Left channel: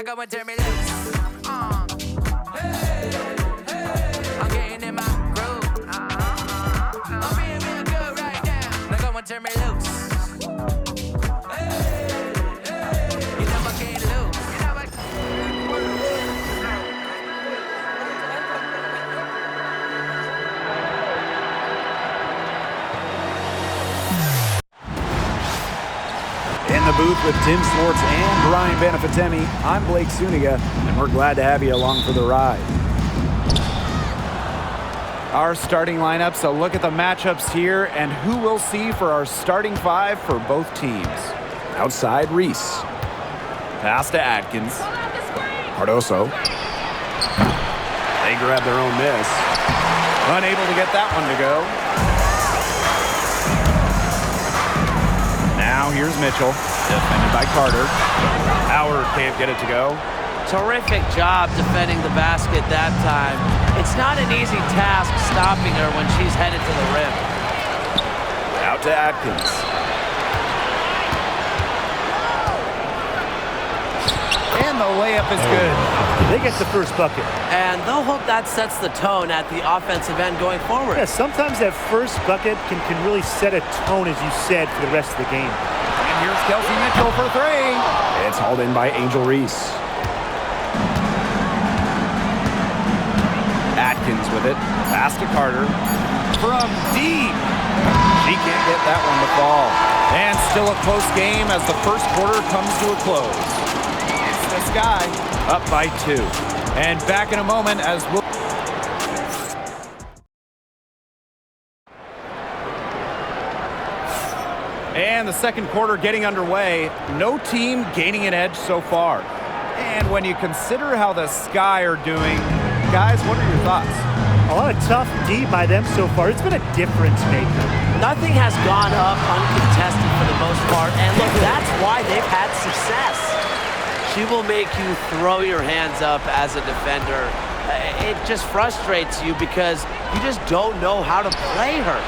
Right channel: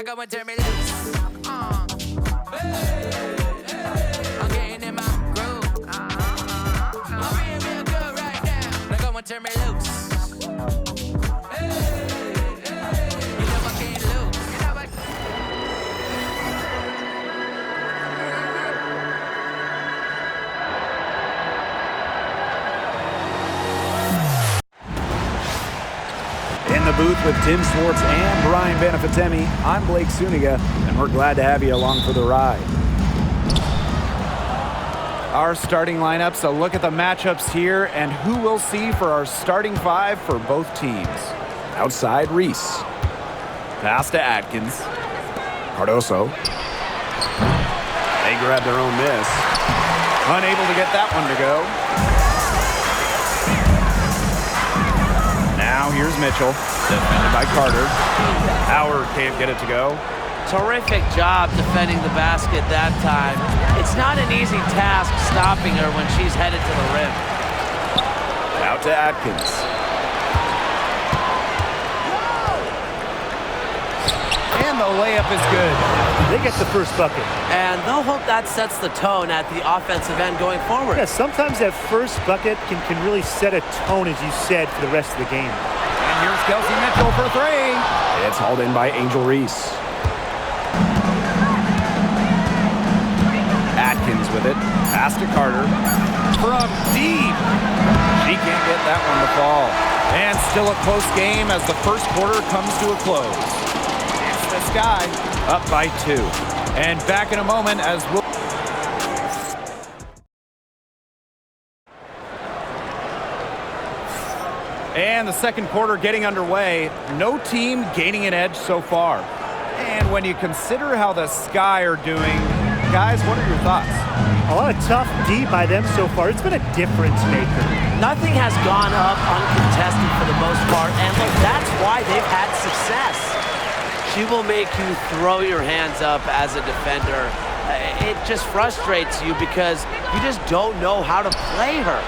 Now go and turn me loose. Hey, hey. I'm getting in my groove. I'm being real good right now. Now go and turn me loose. Hey, hey. You know I can't lose. You know I In the booth with Tim Swartz and Brian Benefatemi, I'm Blake Suniga, and we're glad to have you along for the ride. Our starting lineups, a look at the matchups here, and who we'll see for our starting five for both teams. Outside, Reese. Pass to Atkins. Cardoso. They grab their own miss. Unable to get that one to go. Now here's Mitchell, defended by Carter. Howard can't get it to go. Terrific job defending the basket that time. It's not an easy task stopping her when she's headed to the rim. Out to Atkins. And the layup is good. They get the first bucket. And they'll hope that sets the tone at the offensive end going forward. Yeah, sometimes that first bucket can really set a tone, as you said, for the rest of the game. And here's Kelsey Mitchell for three. It's hauled in by Angel Reese. Atkins with it. Pass to Carter. From deep. She can't get that one to fall. And still a close game as the first quarter comes to a close. It's this guy up by 2. And back in a moment as we'll... And the second quarter getting underway. No team gaining an edge so far. And when you consider how the Sky are doing, guys, what are your thoughts? A lot of tough D by them so far. It's been a difference maker. Nothing has gone up uncontested for the most part. And look, that's why they've had success. She will make you throw your hands up as a defender. It just frustrates you because you just don't know how to play her.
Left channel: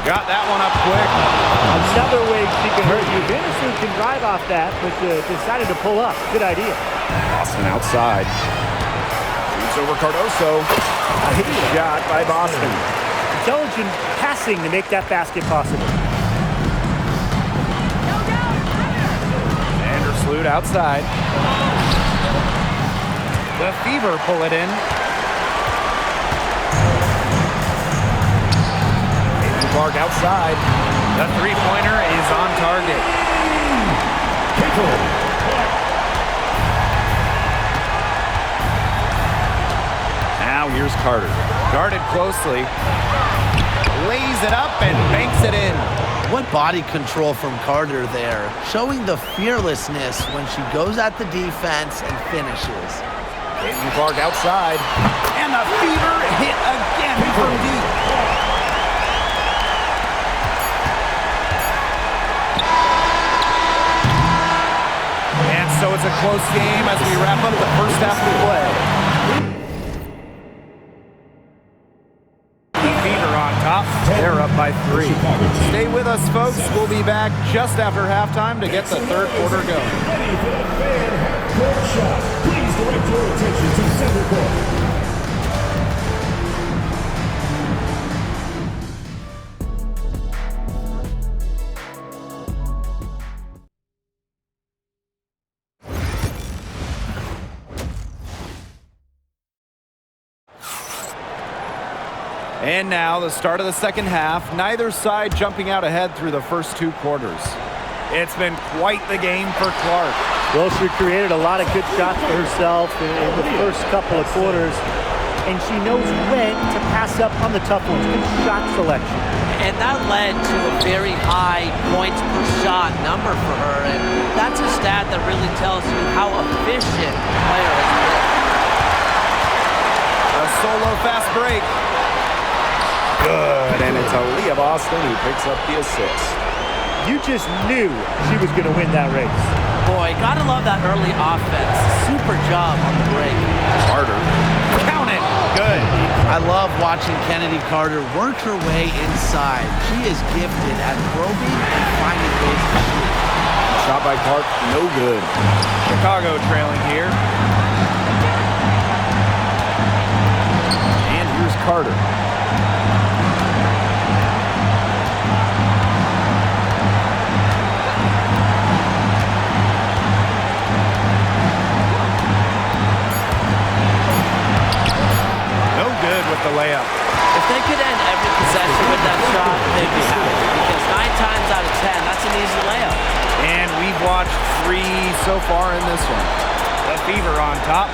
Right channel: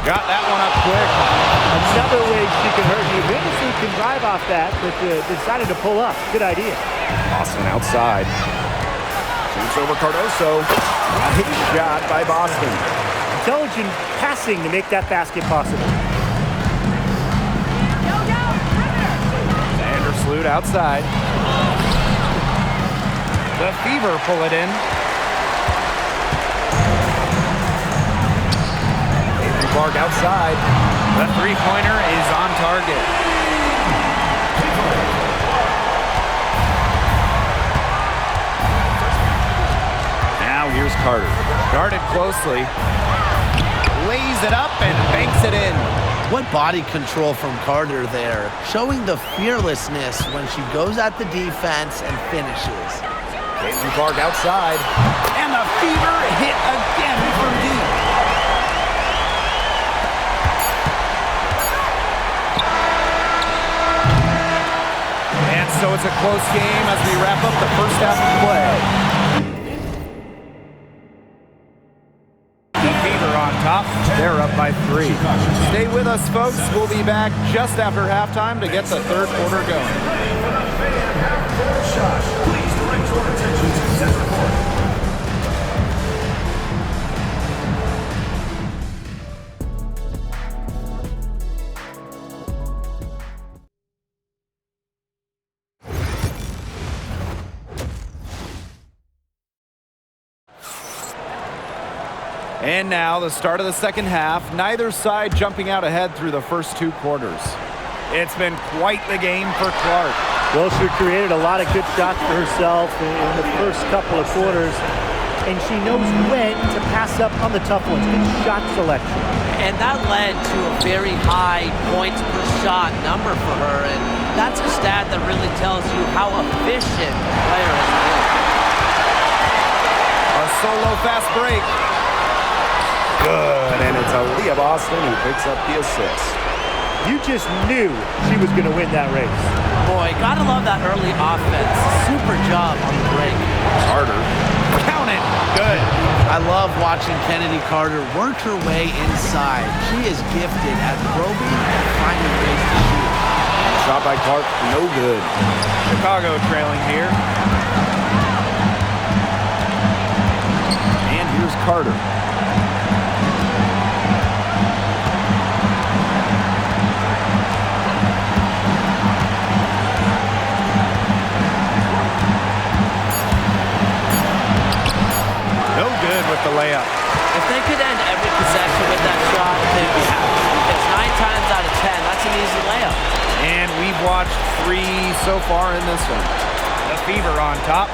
Got that one up quick. Another way she can hurt you. Venison can drive off that, but decided to pull up. Good idea. Boston outside. Shoots over Cardoso. Nice shot by Boston. Intelligent passing to make that basket possible. Vandersloot outside. The Fever pull it in. Caitlin Clark outside. The three-pointer is on target. Now here's Carter. Guarded closely. Lays it up and banks it in. What body control from Carter there, showing the fearlessness when she goes at the defense and finishes. Caitlin Clark outside. And the Fever hit again from deep. And so it's a close game as we wrap up the first half of play. On top, they're up by 3. Stay with us, folks. We'll be back just after halftime to get the third quarter going. Please direct your attention to center court. And now the start of the second half, neither side jumping out ahead through the first 2 quarters. It's been quite the game for Clark. Well, she created a lot of good shots for herself in the first couple of quarters, and she knows when to pass up on the tough ones. Good shot selection. And that led to a very high points per shot number for her, and that's a stat that really tells you how efficient the player has been. A solo fast break. Good, and it's Aaliyah Boston who picks up the assist. You just knew she was going to win that race. Boy, gotta love that early offense. Super job on the break. Carter, count it, good. I love watching Kennedy Carter work her way inside. She is gifted at probing and finding ways to shoot. Shot by Clark, no good. Chicago trailing here. And here's Carter. No good with the layup. If they could end every possession with that shot, they'd be happy. Because 9 times out of 10, that's an easy layup. And we've watched 3 so far in this one. The Fever on top.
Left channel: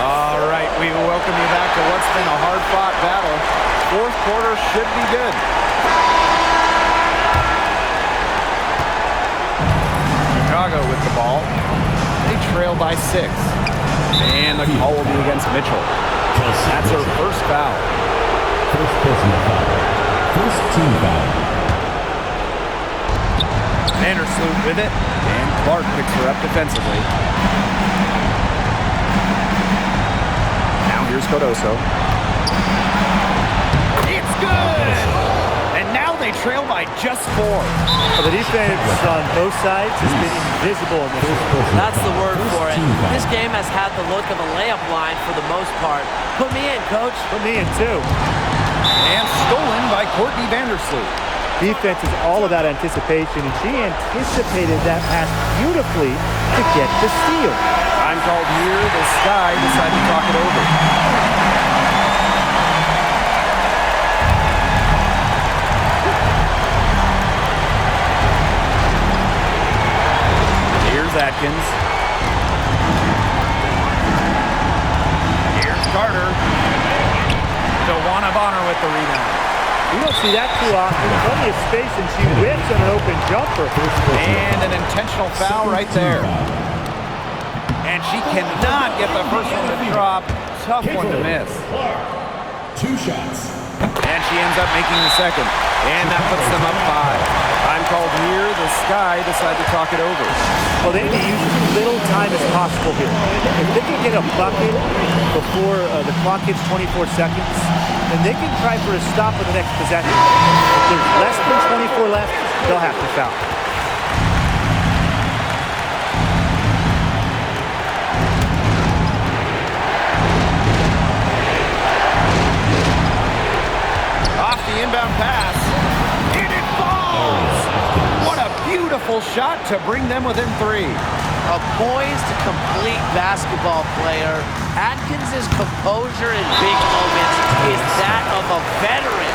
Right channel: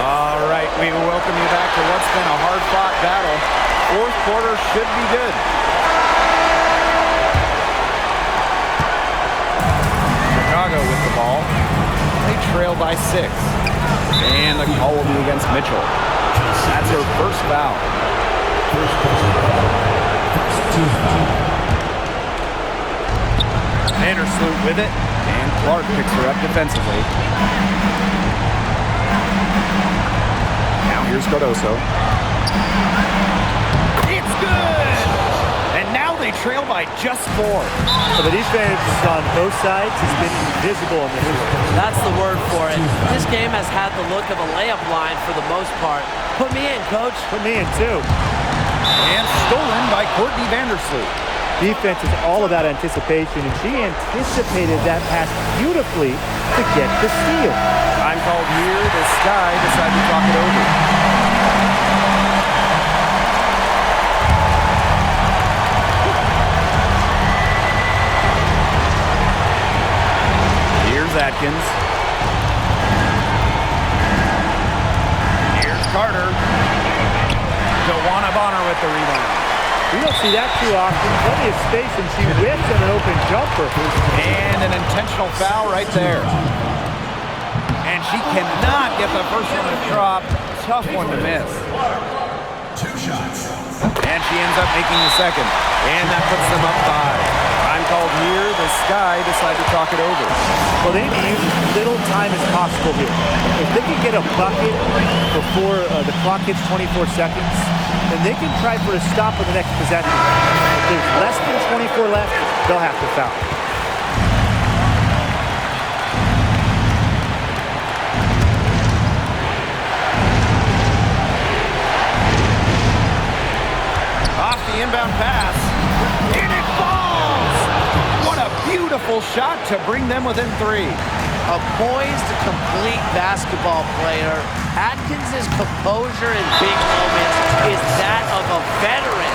All right, we will welcome you back to what's been a hard-fought battle. Fourth quarter should be good. Chicago with the ball. They trail by 6. And the call will be against Mitchell. That's her first foul. First personal foul. First team foul. Vandersloot with it. And Clark picks her up defensively. Now here's Cardoso. It's good! And now they trail by just 4. Well, the defense on both sides has been invisible in this one. That's the word for it. This game has had the look of a layup line for the most part. Put me in, coach. Put me in, too. And stolen by Courtney Vandersloot. Defense is all about anticipation, and she anticipated that pass beautifully to get the steal. Time called here. The Sky decide to talk it over. Here's Atkins. Here's Carter. Joanna Bonner with the rebound. We don't see that too often. Plenty of space, and she whips on an open jumper. And an intentional foul right there. And she cannot get the first one to drop. Tough one to miss. 2 shots. And she ends up making the second. And that puts them up 5. Time called here. The Sky decide to talk it over. Well, they need to use as little time as possible here. If they can get a bucket before the clock hits 24 seconds, then they can try for a stop on the next possession. If there's less than 24 left, they'll have to foul. Off the inbound pass, and it falls! What a beautiful shot to bring them within 3. A poised, complete basketball player. Atkins' composure in big moments is that of a veteran.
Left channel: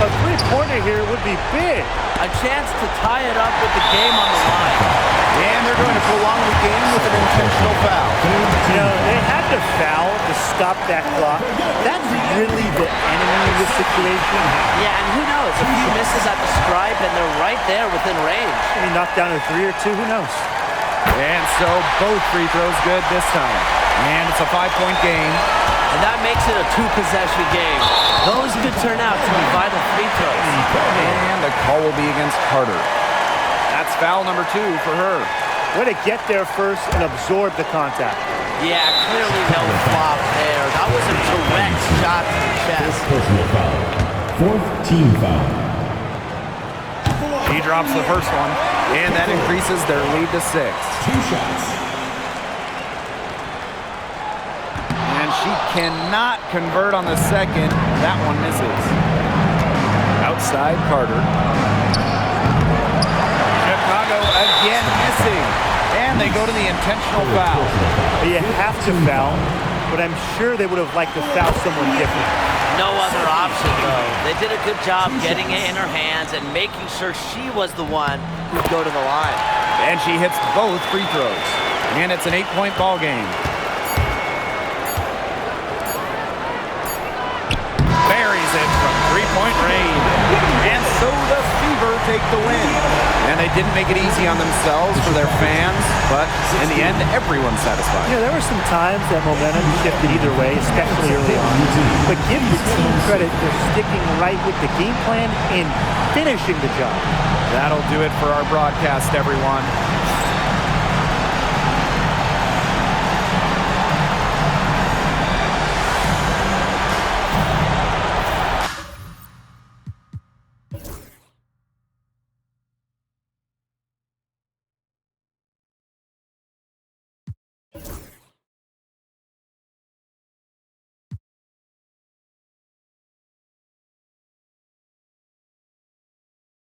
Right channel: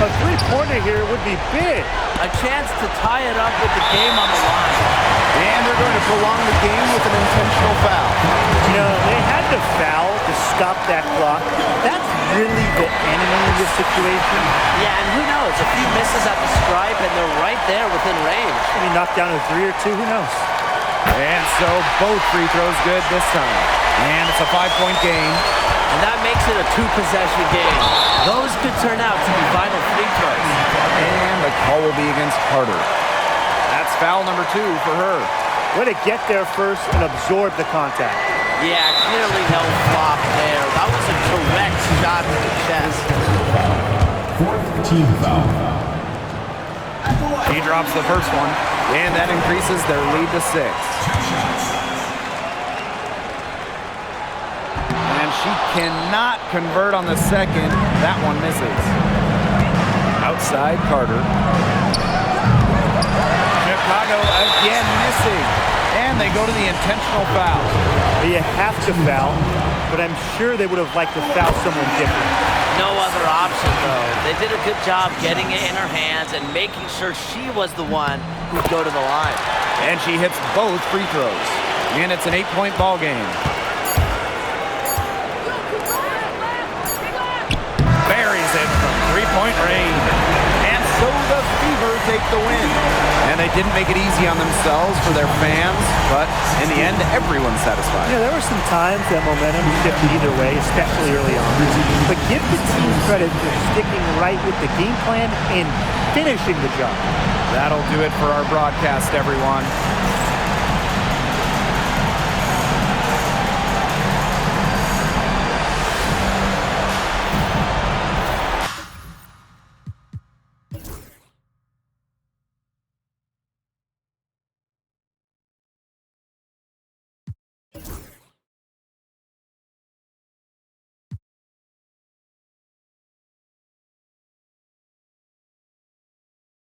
A three-pointer here would be big. A chance to tie it up with the game on the line. And they're going to prolong the game with an intentional foul. You know, they had to foul to stop that clock. That's really the enemy in this situation. Yeah, and who knows? A few misses at the stripe, and they're right there within range. I mean, knocked down a 3 or 2, who knows? And so both free throws good this time. And it's a 5-point game. And that makes it a 2-possession game. Those could turn out to be vital free throws. And the call will be against Carter. That's foul number 2 for her. Way to get there first and absorb the contact. Yeah, clearly no flop there. That was a direct shot to the chest. Personal foul. 4th team foul. He drops the first one, and that increases their lead to 6. 2 shots. And she cannot convert on the second. That one misses. Outside Carter. Chicago again missing. And they go to the intentional foul. You have to foul, but I'm sure they would have liked to foul someone different. No other option, though. They did a good job getting it in her hands and making sure she was the one who'd go to the line. And she hits both free throws. And it's an 8-point ball game. Buries it from 3-point range. And so the Fever take the win. And they didn't make it easy on themselves for their fans, but in the end, everyone's satisfied. Yeah, there were some times that momentum shifted either way, especially early on. But give the team credit for sticking right with the game plan and finishing the job. That'll do it for our broadcast, everyone.